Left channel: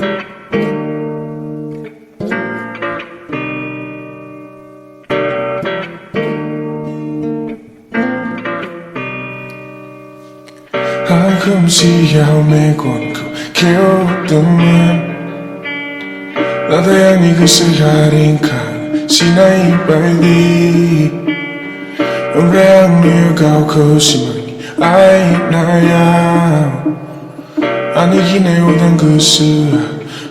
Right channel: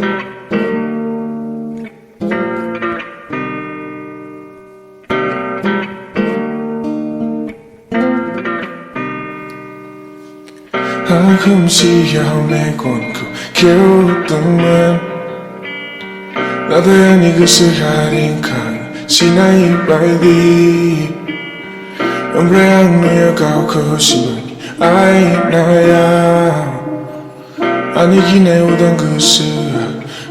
không chỉ giàu mê còn cứ kéo từng man 나도 아니 그 시간인 강 지나이 빨리 음래양 누가 거시만이 아이 나야 아니긴 해 오던 그 시야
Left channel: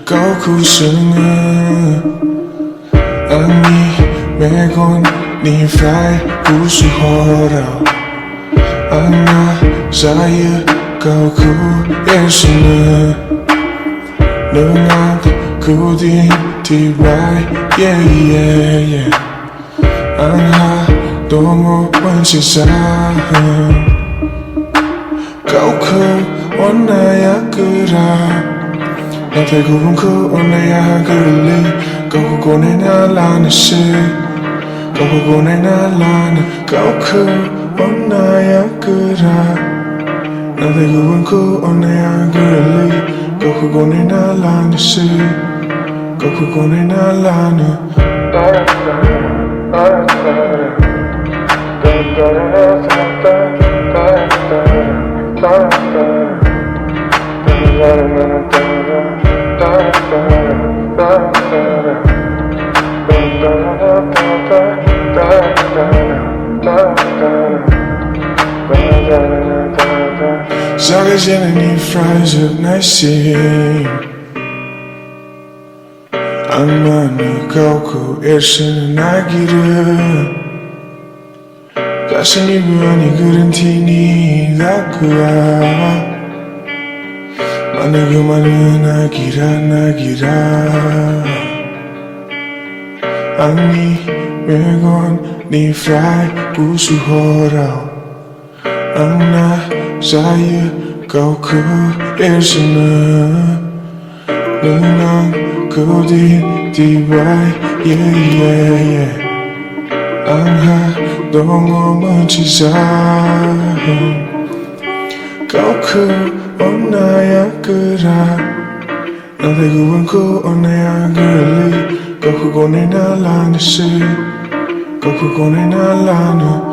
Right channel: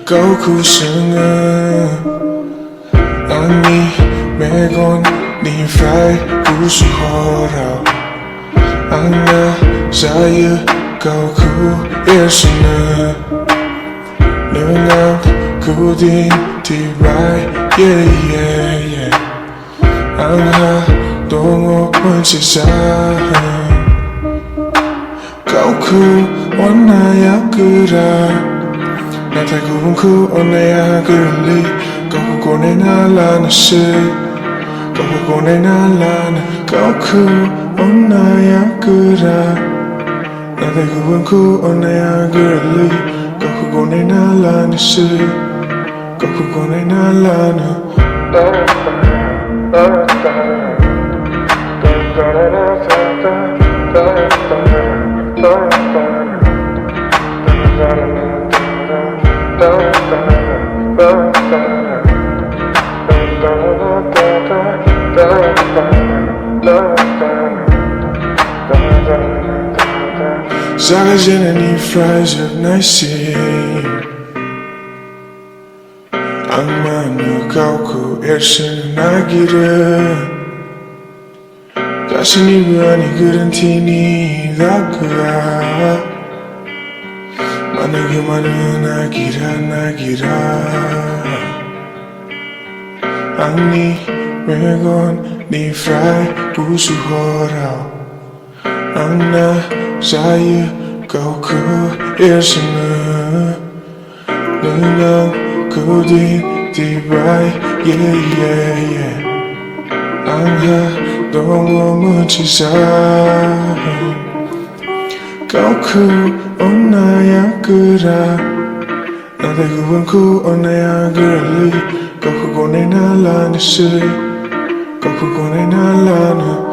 고쿠승은 아니 매건 니 프라이 부수호라 안나 사이에 고쿠 예수는 능한 그딘 디라이 예예예 안하 동호 원시상 고쿠 원나야 그라 나 대구분 그 원나야 그리 고쿠 고네 날라는 시 고쿠 고네 날라는 고쿠 원나야 그라 나 대구분 그 원나야 그리 고쿠 고네 날라는 시 고쿠 고네 날라는 작아지는 이 프라이즈 날씨 악마는 고쿠 애쓰는 아기를 가슴이 부안이 그런 티니 다그아 많은 그 많은 아기라 아니 왜건 니 프라이 부수호라 안나 사이에 고쿠 애쓰는 능한 그딘 디바이 예예예 안하 동호 문치상 고쿠 온나야 그라 나 대구분 그 온나야 그리 고쿠 고네 날라는 시 고쿠 고네 날라는